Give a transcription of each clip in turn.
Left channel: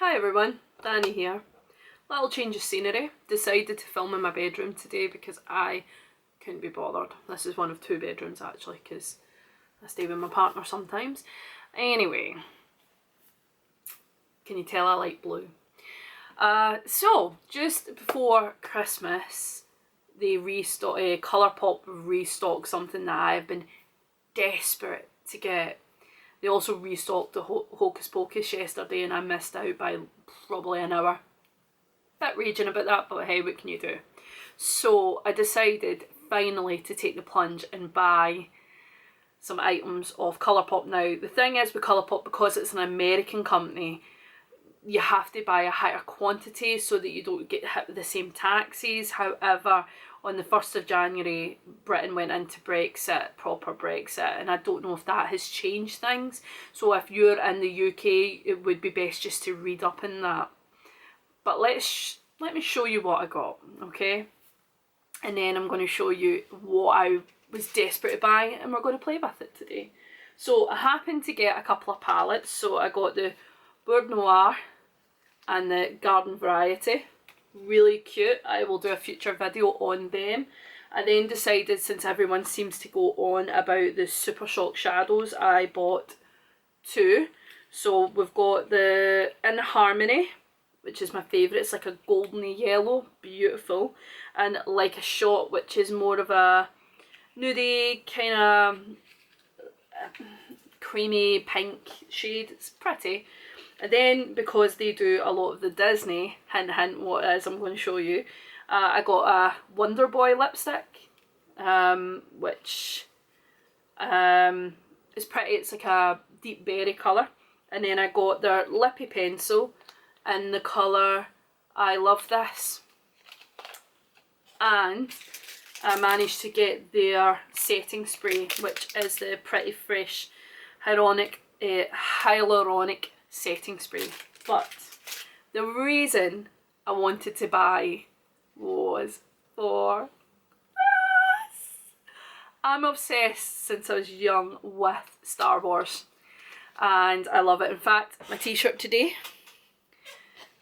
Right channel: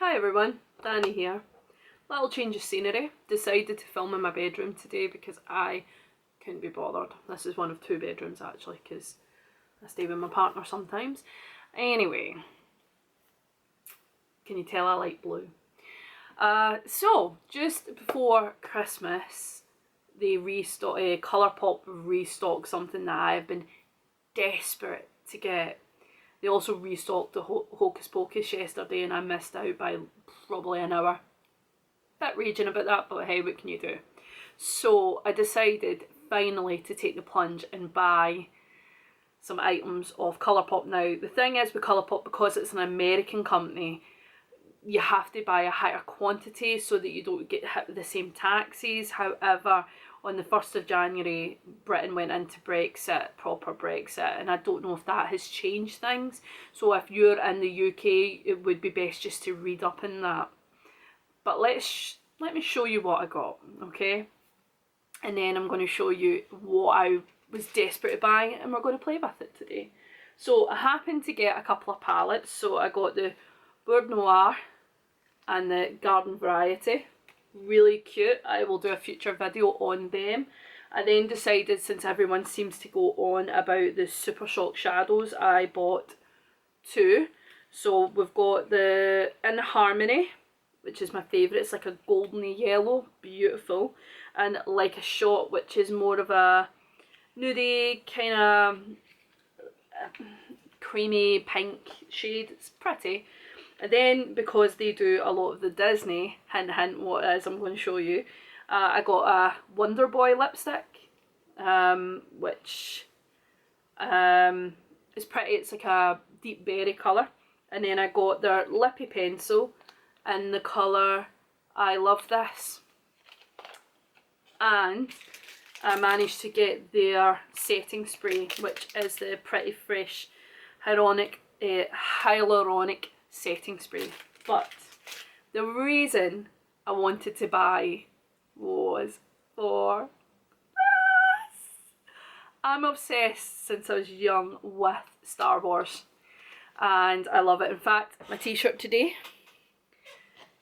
Hi everyone, Danny here. Little change of scenery. Decided to film in my bedroom today because I couldn't be bothered. This is one of two bedrooms actually because I stay with my partner sometimes. Anyway, can you tell I like blue? So just before Christmas, they Colourpop restocked something that I've been desperate to get. They also restocked the Hocus Pocus yesterday and I missed out by probably an hour. Bit raging about that, but hey, what can you do? So I decided finally to take the plunge and buy some items of Colourpop. Now, the thing is with Colourpop, because it's an American company, you have to buy a higher quantity so that you don't get hit with the same taxes. However, on the 1st of January, Britain went into Brexit, proper Brexit, and I don't know if that has changed things. So if you're in the UK, it would be best just to read up in that. But let me show you what I got, okay? And then I'm going to show you what I was desperate to buy, and we're going to play with it today. So I happened to get a couple of palettes. So I got the Bourre Noir and the Garden Variety. Really cute. I will do a future video on them. I then decided, since everyone seems to go on about the Super Shock shadows, I bought two. So we've got the In Harmony, which is my favourite. It's like a goldeny yellow, beautiful. And Like a Shot, which is more of a nudie, kind of creamy pink shade. It's pretty. And then, because they do a lot of the Disney, hint hint what it is I'm going to show you, I got a Wonder Boy lipstick, which is pretty. It's like a deep berry colour. And then I got their lippy pencil in the colour I Love This. And I managed to get their setting spray, which is the Pretty Fresh hyaluronic setting spray. But the reason I wanted to buy was for this. I'm obsessed since I was young with Star Wars and I love it. In fact, my t-shirt today,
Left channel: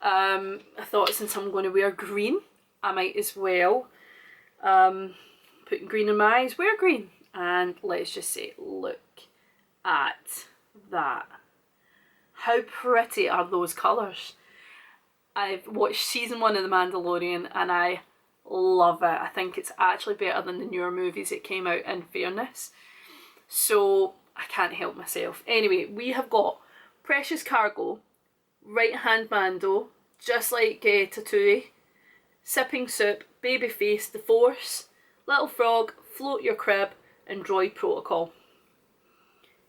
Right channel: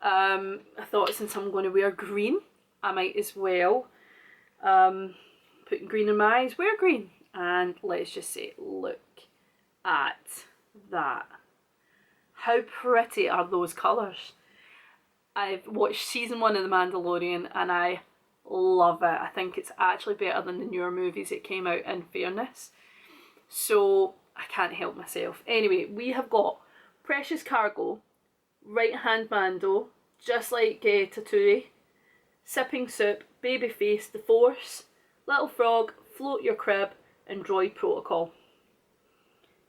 I thought since I'm going to wear green, I might as well put green in my eyes, wear green. And let's just say, look at that. How pretty are those colours? I've watched season 1 of The Mandalorian and I love it. I think it's actually better than the newer movies that came out, in fairness. So I can't help myself. Anyway, we have got Precious Cargo, Right Hand Mando, Just Like Tatooine, Sipping Soup, Babyface, The Force, Little Frog, Float Your Crib, and Droid Protocol.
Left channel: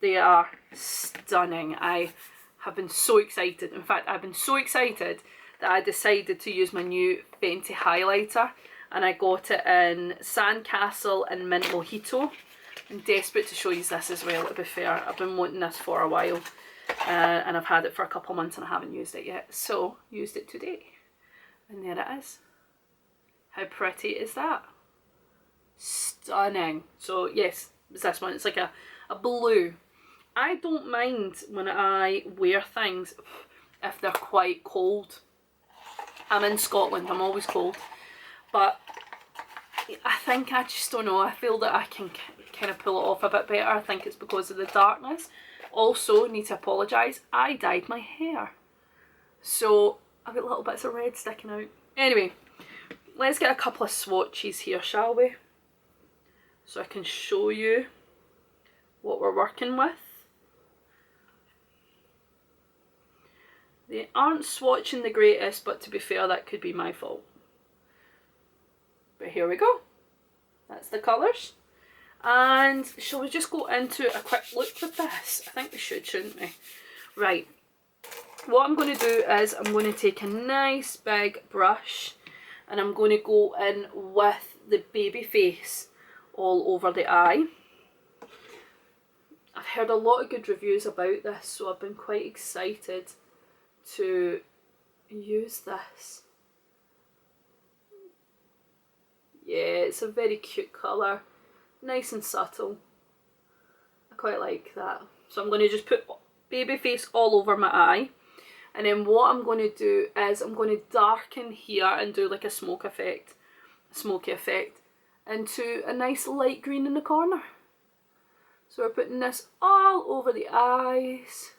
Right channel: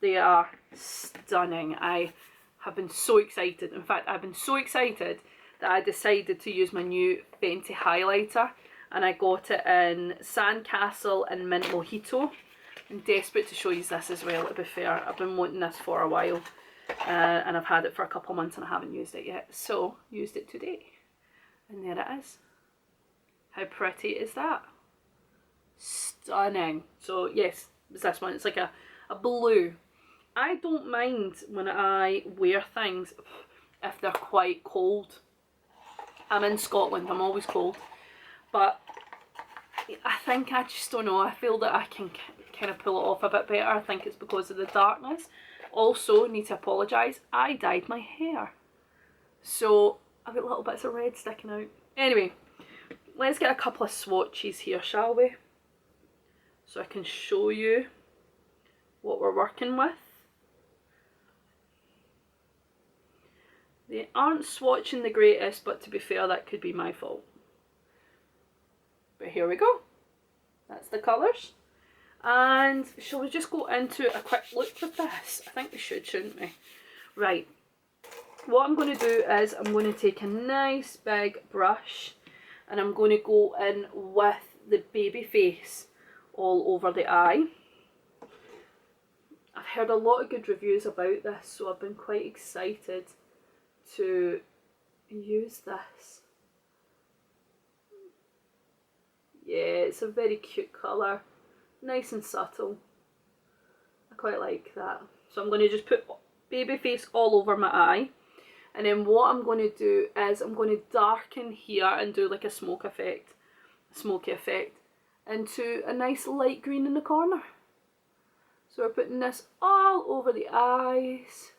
They are stunning. I have been so excited. In fact, I've been so excited that I decided to use my new Fenty highlighter, and I got it in Sandcastle and Mint Mojito. I'm desperate to show you this as well, to be fair. I've been wanting this for a while, and I've had it for a couple of months and I haven't used it yet. So, used it today. And there it is. How pretty is that? Stunning. So yes, it's this one. It's like a blue. I don't mind when I wear things if they're quite cold. I'm in Scotland, I'm always cold. But I think, I just don't know, I feel that I can kind of pull it off a bit better. I think it's because of the darkness. Also, need to apologise, I dyed my hair. So I've got little bits of red sticking out. Anyway, let's get a couple of swatches here, shall we? So I can show you what we're working with. They aren't swatching the greatest, but to be fair, that could be my fault. But here we go. That's the colours. And shall we just go into a quick look with this? I think we should, shouldn't we? Right. What I'm going to do is I'm going to take a nice big brush and I'm going to go in with the Babyface all over the eye. I've heard a lot of good reviews about this, so I've been quite excited to use this. Yeah, it's a very cute colour, nice and subtle. I quite like that. So I'm going to just put Babyface all over my eye. And then what I'm going to do is I'm going to darken here and do like a smoky effect into a nice light green in the corner. So we're putting this all over the eyes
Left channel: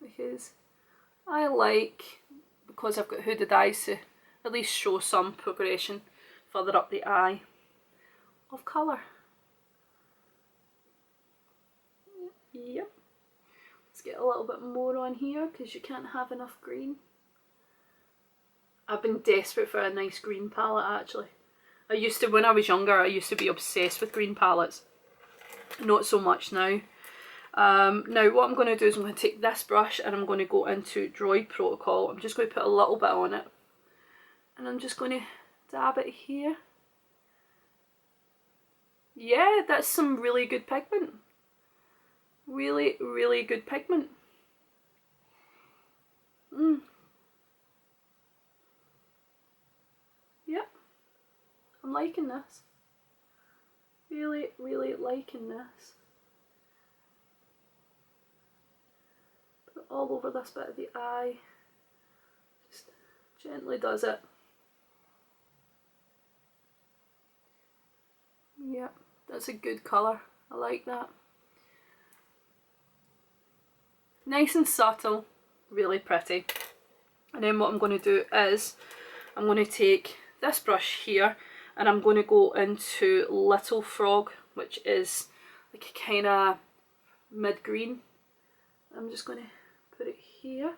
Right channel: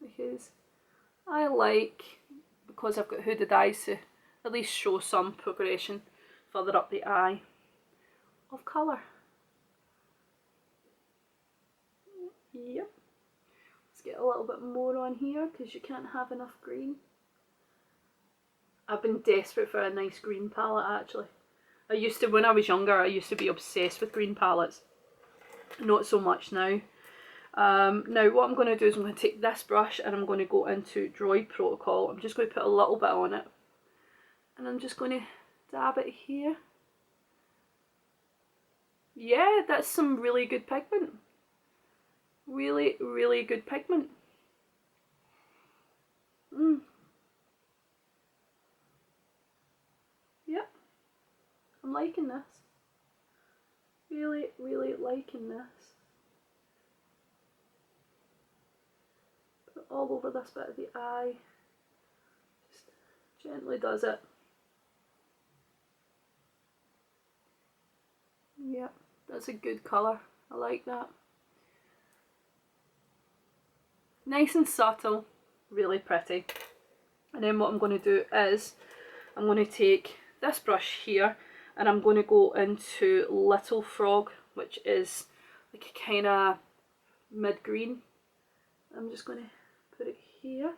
because I like, because I've got hooded eyes, to at least show some progression further up the eye of colour. Yep. Let's get a little bit more on here because you can't have enough green. I've been desperate for a nice green palette actually. When I was younger, I used to be obsessed with green palettes. Not so much now. Now what I'm going to do is I'm going to take this brush and I'm going to go into Droid Protocol. I'm just going to put a little bit on it. And I'm just going to dab it here. Yeah, that's some really good pigment. Really, really good pigment. Yep. I'm liking this. Really, really liking this. Put it all over this bit of the eye. Just gently does it. Yep, that's a good colour. I like that. Nice and subtle, really pretty. And then what I'm going to do is I'm going to take this brush here and I'm going to go into Little Frog, which is like a kind of mid-green. I'm just going to put it here.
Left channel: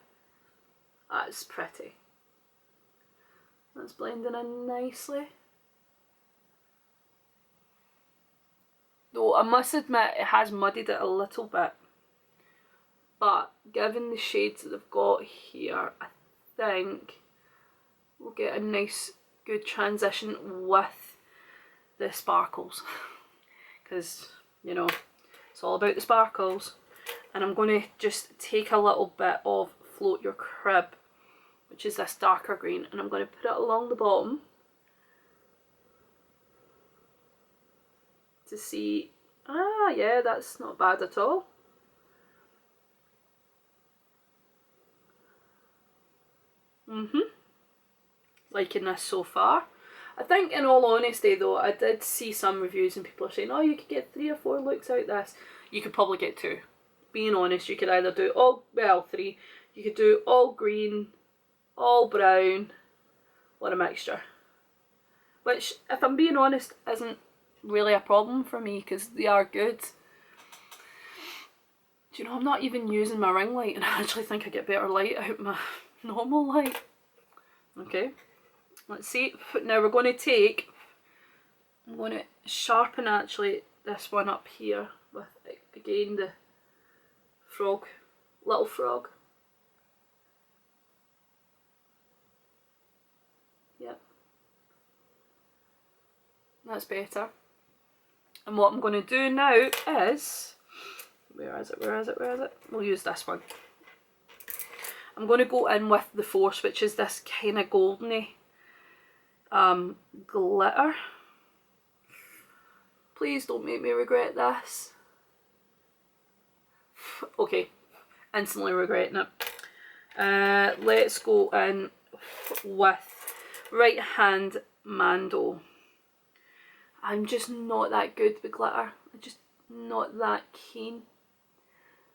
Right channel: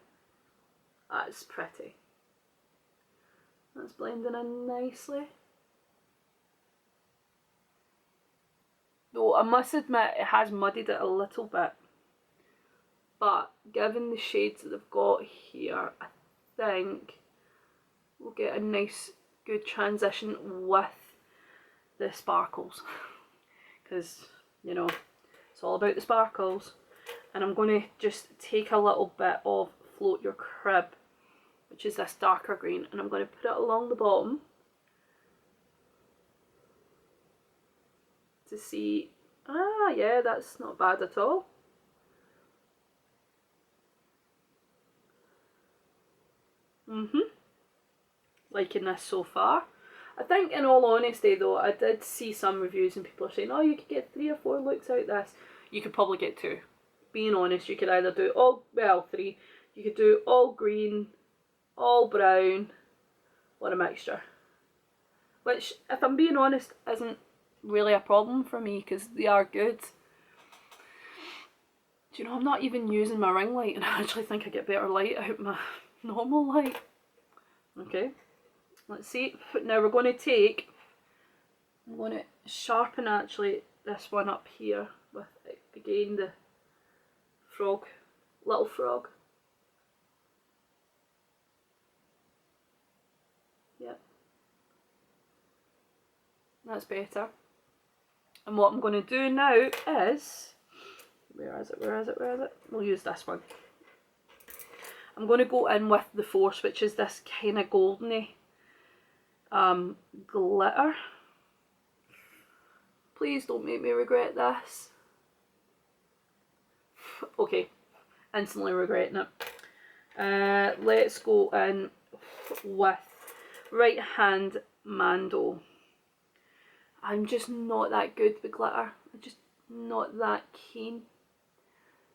That's pretty. That's blending in nicely. Though I must admit it has muddied it a little bit. But given the shades that I've got here, I think we'll get a nice good transition with the sparkles. Because, you know, it's all about the sparkles. And I'm going to just take a little bit of Float Your Crib, which is this darker green, and I'm going to put it along the bottom to see, yeah, that's not bad at all. Liking this so far. I think in all honesty though, I did see some reviews and people are saying, oh, you could get 3 or 4 looks out this. You could probably get 2. Being honest, you could either do all, well, 3. You could do all green, all brown, or a mixture. Which, if I'm being honest, isn't really a problem for me because they are good. Do you know, I'm not even using my ring light and I actually think I get better light out my normal light. Okay, let's see. Now we're going to take, I'm going to sharpen actually this one up here with, again, the frog, Little Frog. Yep. That's better. And what I'm going to do now is, where is it? We'll use this one. I'm going to go in with the Force, which is this kind of goldeny glitter. Please don't make me regret this. Okay, instantly regretting it. Let's go in with Right Hand Mando. I'm just not that good with glitter. I'm just not that keen.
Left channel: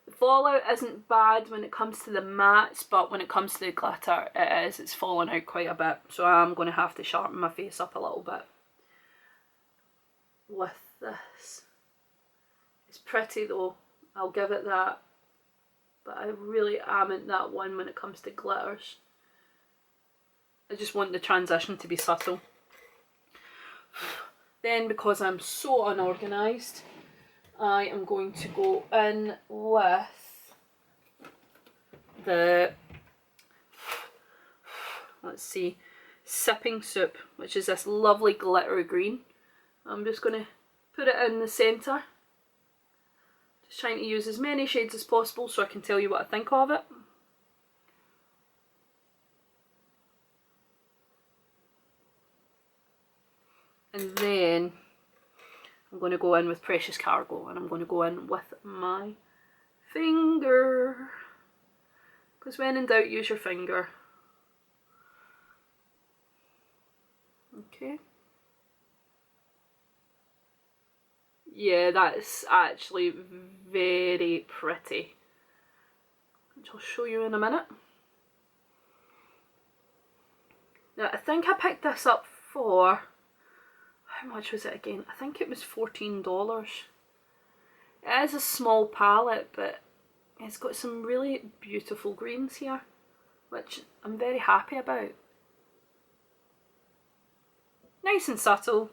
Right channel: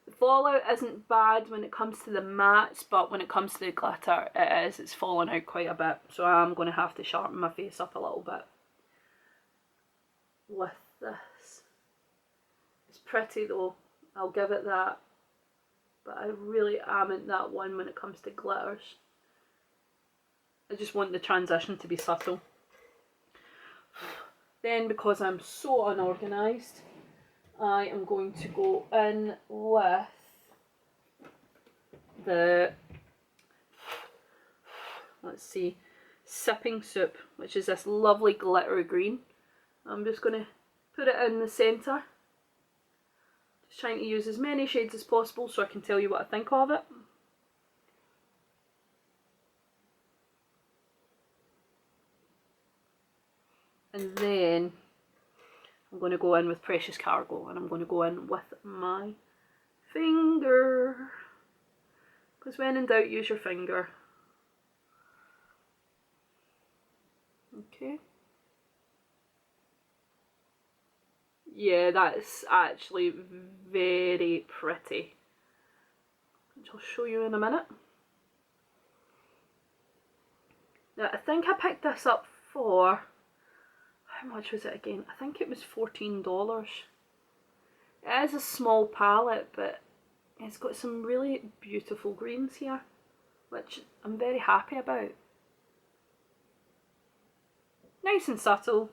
The fallout isn't bad when it comes to the mattes, but when it comes to the glitter, it is. It's fallen out quite a bit. So I'm going to have to sharpen my face up a little bit with this. It's pretty though, I'll give it that. But I really am in that one when it comes to glitters. I just want the transition to be subtle. Then, because I'm so unorganised, I am going to go in with the, let's see, Sipping Soup, which is this lovely glittery green. I'm just going to put it in the centre. Just trying to use as many shades as possible so I can tell you what I think of it. And then I'm going to go in with Precious Cargo, and I'm going to go in with my finger. because when in doubt, use your finger. Okay. Yeah, that's actually very pretty, which I'll show you in a minute. Now, I think I picked this up for, how much was it again? I think it was $14. It is a small palette, but it's got some really beautiful greens here, which I'm very happy about. Nice and subtle.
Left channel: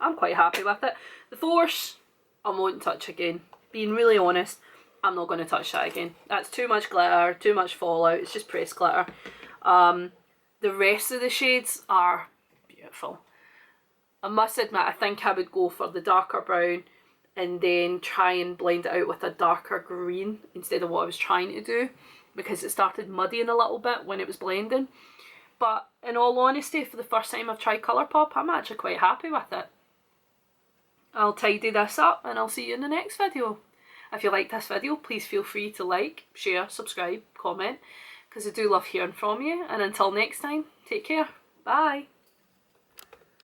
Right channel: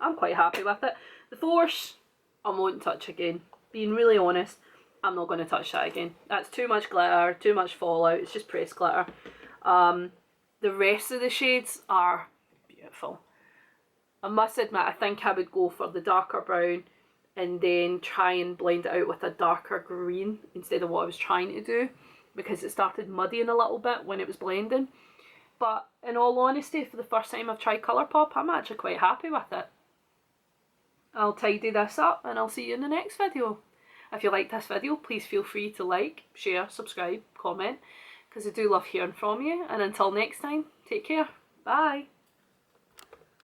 I'm quite happy with it. The Force, I won't touch again. Being really honest, I'm not going to touch that again. That's too much glitter, too much fallout. It's just pressed glitter. The rest of the shades are beautiful. I must admit, I think I would go for the darker brown and then try and blend it out with a darker green instead of what I was trying to do, because it started muddying a little bit when it was blending. But in all honesty, for the first time I've tried Colourpop, I'm actually quite happy with it. I'll tidy this up and I'll see you in the next video. If you like this video, please feel free to like, share, subscribe, comment, because I do love hearing from you. And until next time, take care. Bye.